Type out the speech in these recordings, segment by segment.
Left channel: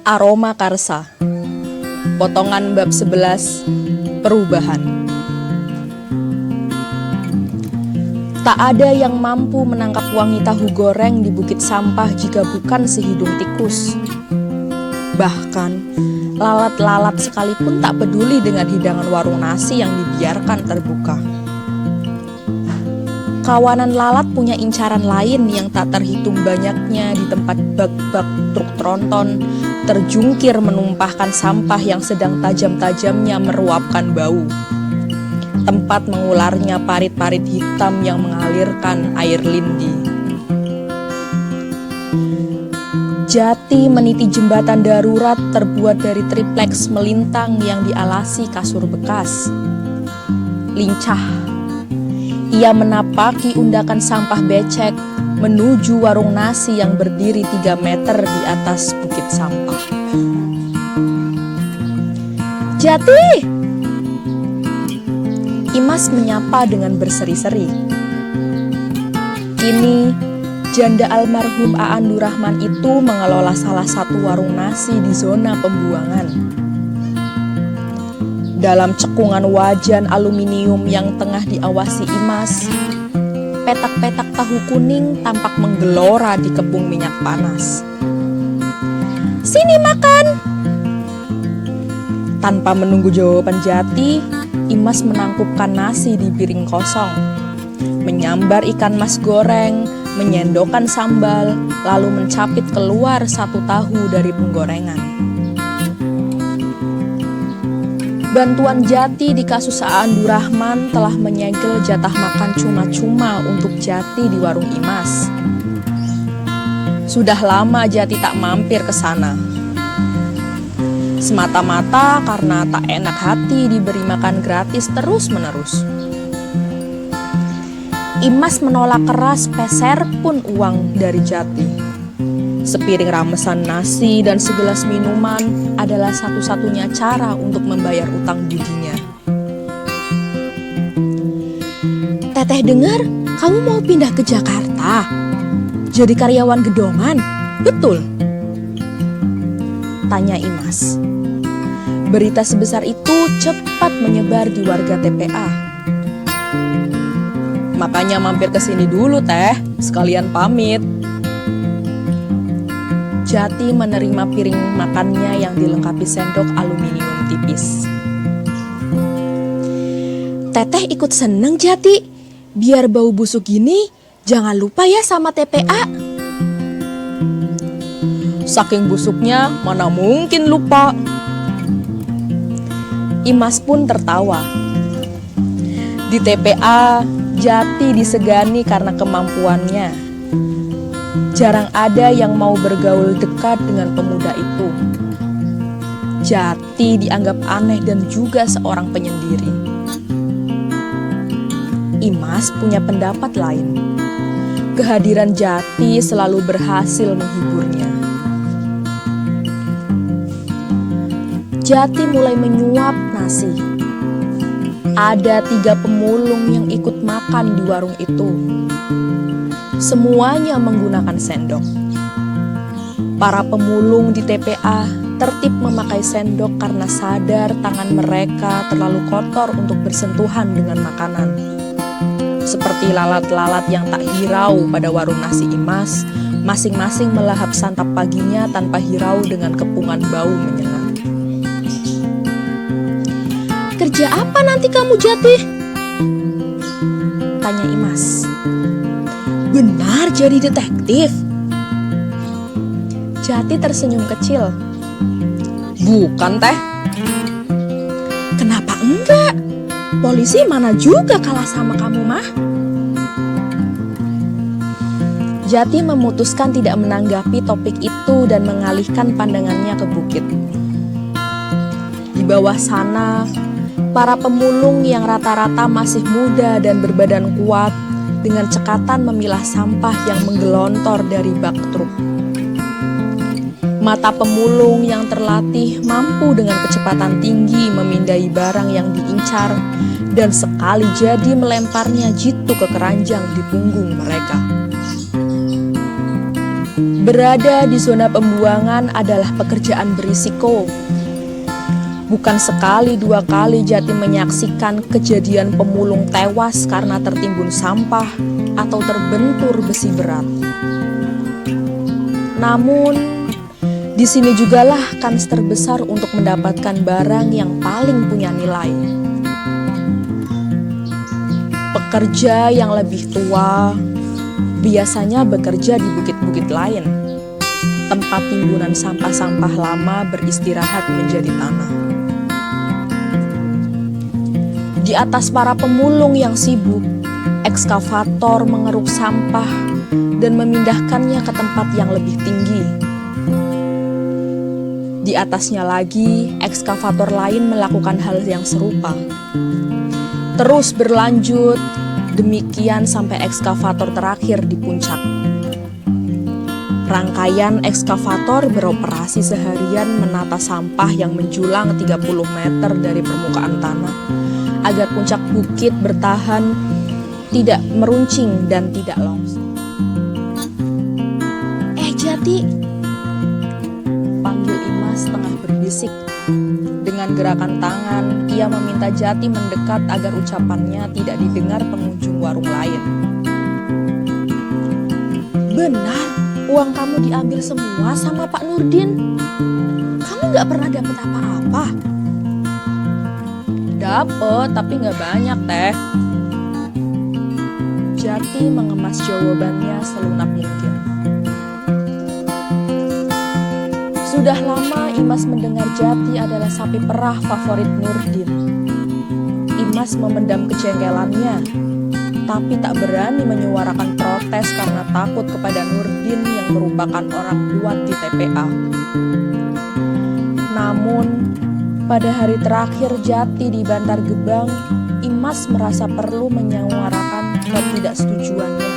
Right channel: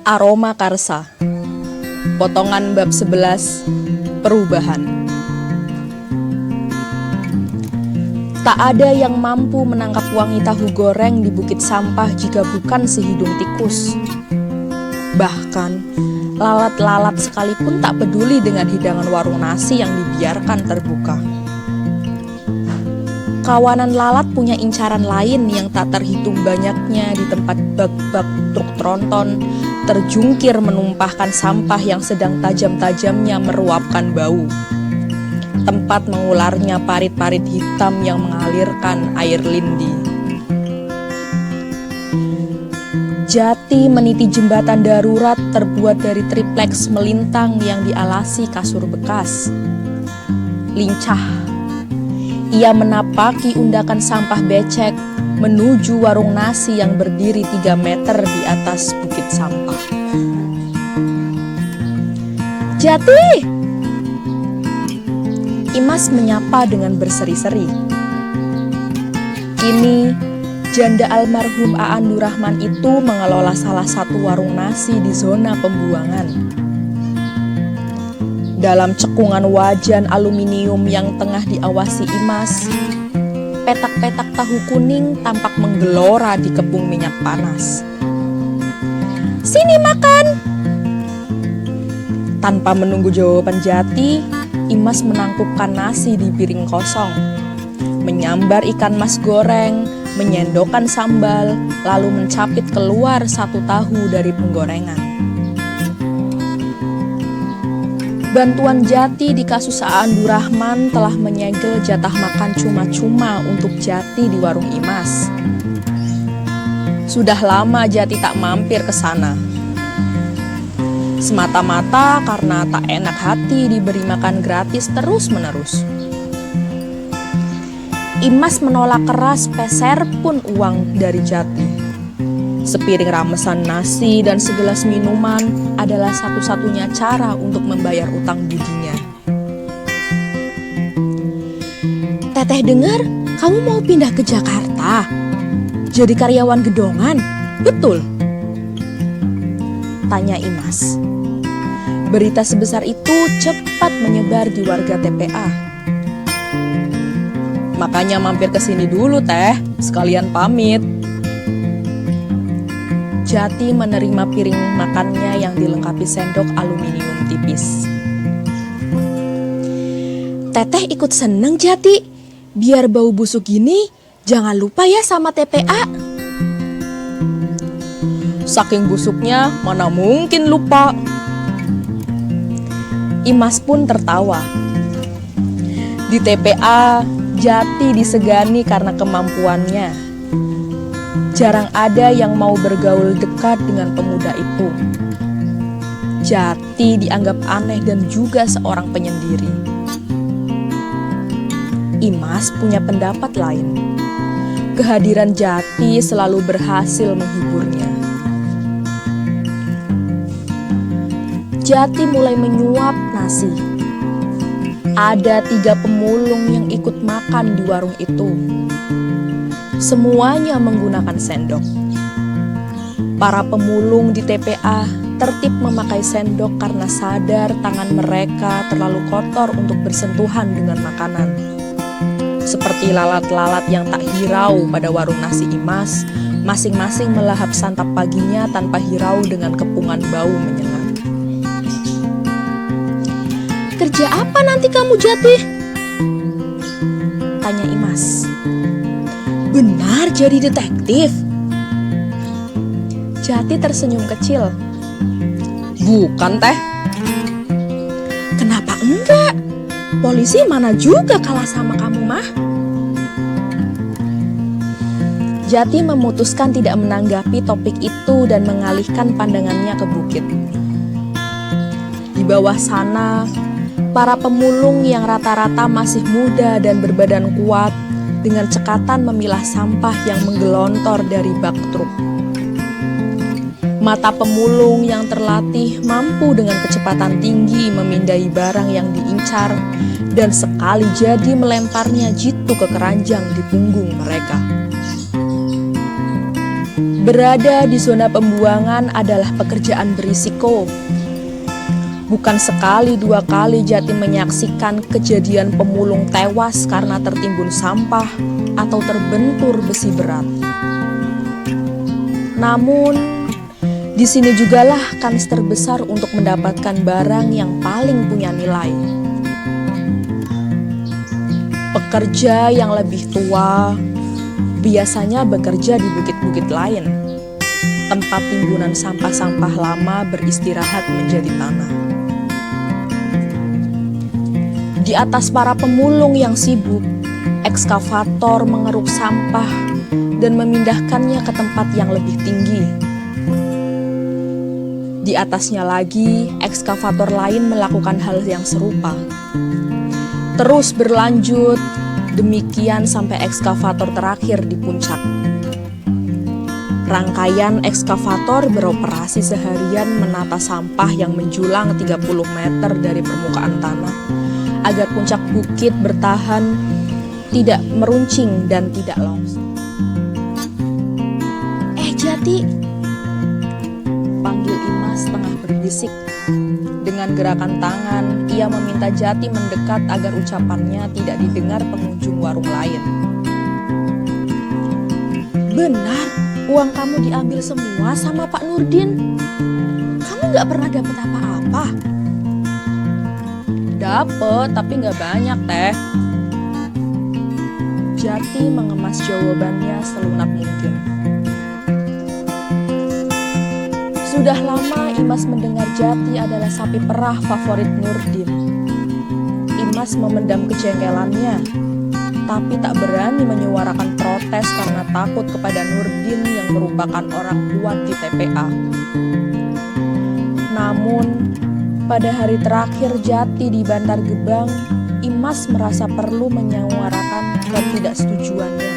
Aroma Karsa. Potongan bab 11. Perubahan. Tak ada yang mampu menangkap wangi tahu goreng di bukit sampah jika bukan si hidung tikus. Bahkan, lalat-lalat sekalipun tak peduli dengan hidangan warung nasi yang dibiarkan terbuka. Kawanan lalat punya incaran lain yang tak terhitung banyaknya di tempat bak-bak truk tronton terjungkir menumpahkan sampah yang sedang tajam-tajamnya meruapkan bau. Tempat mengularnya parit-parit hitam yang mengalirkan air lindi. Jati meniti jembatan darurat terbuat dari tripleks melintang yang dialasi kasur bekas. Lincah, ia menapaki undakan sampah becek menuju warung nasi yang berdiri 3 meter di atas bukit sampah. Jati! Imas menyapa dengan berseri-seri. Kini, janda almarhum Aan Durrahman itu mengelola salah satu warung nasi di zona pembuangan. Dalam cekungan wajan aluminium yang tengah diawasi Imas, petak-petak tahu kuning tampak menggelora di kepung minyak panas. "Sini makan!" Tanpa menunggu jawaban Jati, Imas menangkupkan nasi di piring kosong, menyambar ikan mas goreng, menyendokkan sambal, lalu mencapit keluar satu tahu dari penggorengan. Bantuan Jati di kasus Aan Durrahman telah menyegel jatah makan cuma-cuma untuk Jati di warung Imas. Sudah lama Jati tak mampir ke sana. Semata-mata karena tak enak hati diberi makan gratis terus-menerus. Imas menolak keras peser pun uang dari Jati. Sepiring ramesan nasi dan segelas minuman adalah satu-satunya cara untuk membayar utang budinya. "Teteh dengar kamu mau pindah ke Jakarta? Jadi karyawan gedongan, betul?" tanya Imas. Berita sebesar itu cepat menyebar di warga TPA. "Makanya mampir ke sini dulu teh, sekalian pamit." Jati menerima piring makannya yang dilengkapi sendok aluminium tipis. "Teteh ikut seneng Jati, biar bau busuk gini jangan lupa ya sama TPA." "Saking busuknya mana mungkin lupa." Imas pun tertawa. Di TPA, Jati disegani karena kemampuannya. Jarang ada yang mau bergaul dekat dengan pemuda itu. Jati dianggap aneh dan juga seorang penyendiri. Imas punya pendapat lain. Kehadiran Jati selalu berhasil menghiburnya. Jati mulai menyuap nasi. Ada 3 pemulung yang ikut makan di warung itu. Semuanya menggunakan sendok. Para pemulung di TPA tertib memakai sendok karena sadar tangan mereka terlalu kotor untuk bersentuhan dengan makanan. Seperti lalat-lalat yang tak hirau pada warung nasi Imas, masing-masing melahap santap paginya tanpa hirau dengan kepungan bau menyengat. "Kerja apa nanti kamu Jati?" tanya Imas. "Benar jadi detektif?" Jati tersenyum kecil. "Bukan teh." "Kenapa enggak? Polisi mana juga kalah sama kamu mah." Jati memutuskan tidak menanggapi topik itu dan mengalihkan pandangannya ke bukit. Di bawah sana, para pemulung yang rata-rata masih muda dan berbadan kuat dengan cekatan memilah sampah yang menggelontor dari bak truk. Mata pemulung yang terlatih mampu dengan kecepatan tinggi memindai barang yang diincar dan sekali jadi melemparnya jitu ke keranjang di punggung mereka. Berada di zona pembuangan adalah pekerjaan berisiko. Bukan sekali dua kali Jati menyaksikan kejadian pemulung tewas karena tertimbun sampah atau terbentur besi berat. Namun, di sini jugalah kans terbesar untuk mendapatkan barang yang paling punya nilai. Pekerja yang lebih tua biasanya bekerja di bukit-bukit lain, tempat timbunan sampah-sampah lama beristirahat menjadi tanah. Di atas para pemulung yang sibuk, ekskavator mengeruk sampah dan memindahkannya ke tempat yang lebih tinggi. Di atasnya lagi, ekskavator lain melakukan hal yang serupa. Terus berlanjut, demikian sampai ekskavator terakhir di puncak. Rangkaian ekskavator beroperasi seharian menata sampah yang menjulang 30 meter dari permukaan tanah, agar puncak bukit bertahan, tidak meruncing dan tidak longsor. Jati, panggil Imas tengah berbisik. Dengan gerakan tangan, ia meminta Jati mendekat agar ucapannya tidak didengar pengunjung warung lain. Benar, uang kamu diambil semua sama Pak Nurdin. Kamu gak pernah dapat apa-apa? Dapet, tapi gak banyak, Teh. Jati mengemas jawabannya selunak mungkin. Sudah lama Imas mendengar Jati adalah sapi perah favorit Nurdin. Imas memendam kejengkelannya, tapi tak berani menyuarakan protes karena takut kepada Nurdin yang merupakan orang kuat di TPA. Namun, pada hari terakhir Jati di Bantar Gebang, Imas merasa perlu menyuarakan ketidaksetujuannya.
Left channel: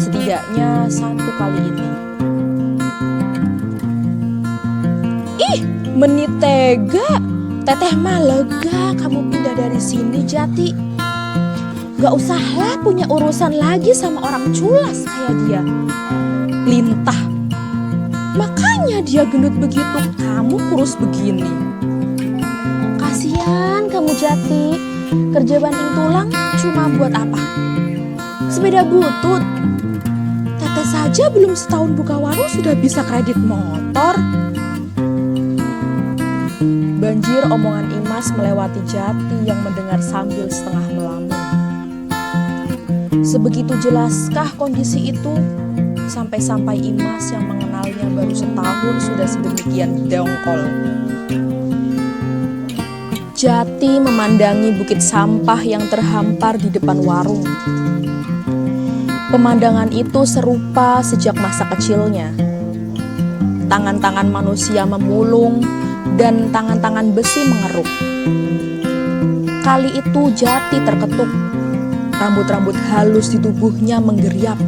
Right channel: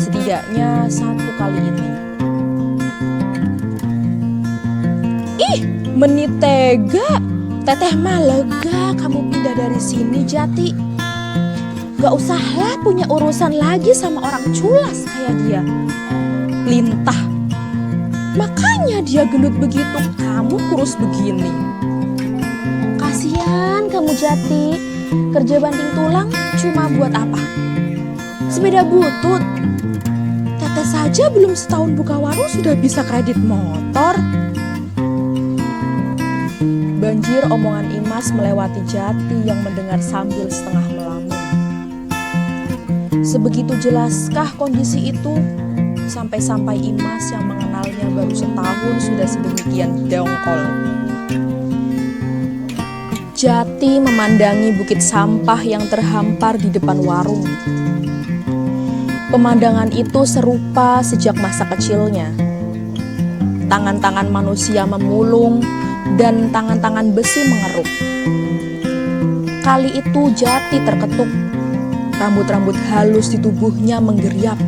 Setidaknya satu kali ini. Menitega, Teteh mah lega kamu pindah dari sini, Jati. Gak usahlah punya urusan lagi sama orang culas kayak dia. Lintah. Makanya dia gendut begitu, kamu kurus begini. Kasihan kamu, Jati. Kerja banting tulang cuma buat apa? Sepeda butut. Teteh saja belum setahun buka warung sudah bisa kredit motor. Banjir omongan Imas melewati Jati yang mendengar sambil setengah melamun. Sebegitu jelaskah kondisi itu? Sampai-sampai Imas yang mengenalnya baru setahun sudah sedemikian dongkol. Jati memandangi bukit sampah yang terhampar di depan warung. Pemandangan itu serupa sejak masa kecilnya. Tangan-tangan manusia memulung, dan tangan-tangan besi mengeruk. Kali itu Jati terketuk. Rambut-rambut halus di tubuhnya menggeriap.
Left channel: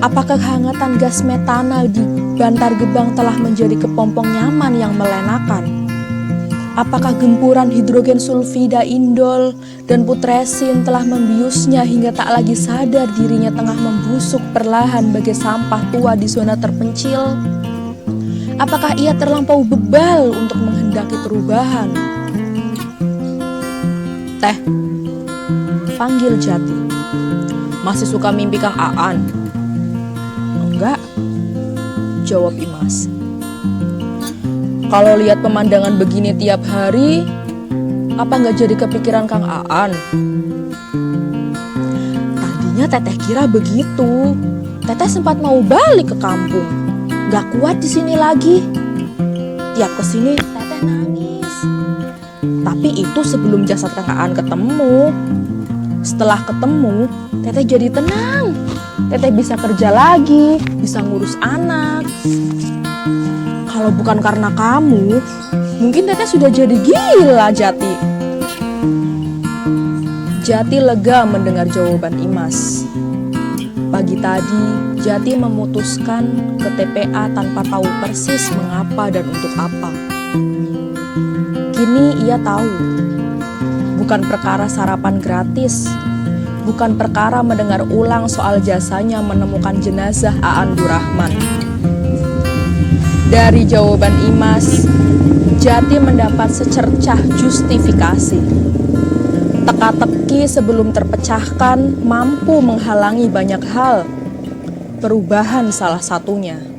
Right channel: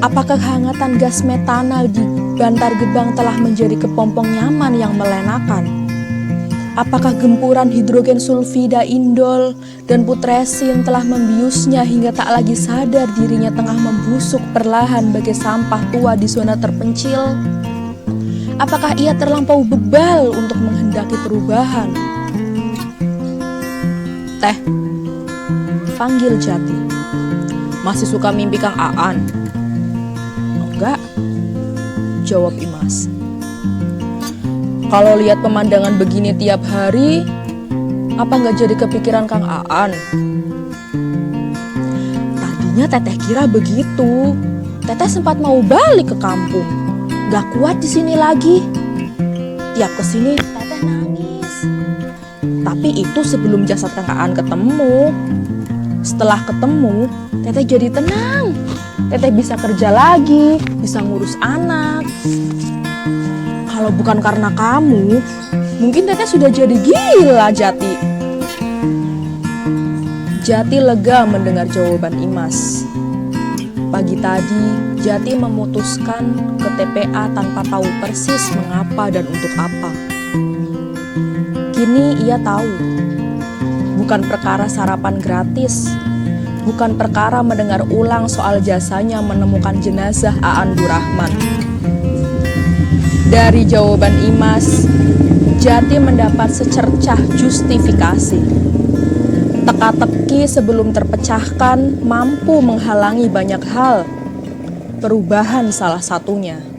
Apakah kehangatan gas metana di Bantar Gebang telah menjadi kepompong nyaman yang melenakan? Apakah gempuran hidrogen sulfida indol dan putresin telah membiusnya hingga tak lagi sadar dirinya tengah membusuk perlahan bagai sampah tua di zona terpencil? Apakah ia terlampau bebal untuk menghendaki perubahan? Teh, panggil Jati. Masih suka mimpi Kang Aan? Enggak, jawab Imas. Kalau lihat pemandangan begini tiap hari, apa nggak jadi kepikiran Kang Aan? Tadinya Teteh kira begitu. Teteh sempat mau balik ke kampung. Gak kuat di sini lagi. Tiap kesini Teteh nangis. Tapi itu sebelum jasad Kang Aan ketemu. Setelah ketemu, Teteh jadi tenang. Teteh bisa kerja lagi, bisa ngurus anak. Kalau bukan karena kamu, mungkin Teteh sudah jadi gila, Jati. Jati lega mendengar jawaban Imas. Pagi tadi, Jati memutuskan ke TPA tanpa tahu persis mengapa dan untuk apa. Kini ia tahu, bukan perkara sarapan gratis, bukan perkara mendengar ulang soal jasanya menemukan jenazah Aan Durrahman. Dari jawaban Imas, Jati mendapat secercah justifikasi. Teka-teki sebelum terpecahkan mampu menghalangi banyak hal, perubahan salah satunya.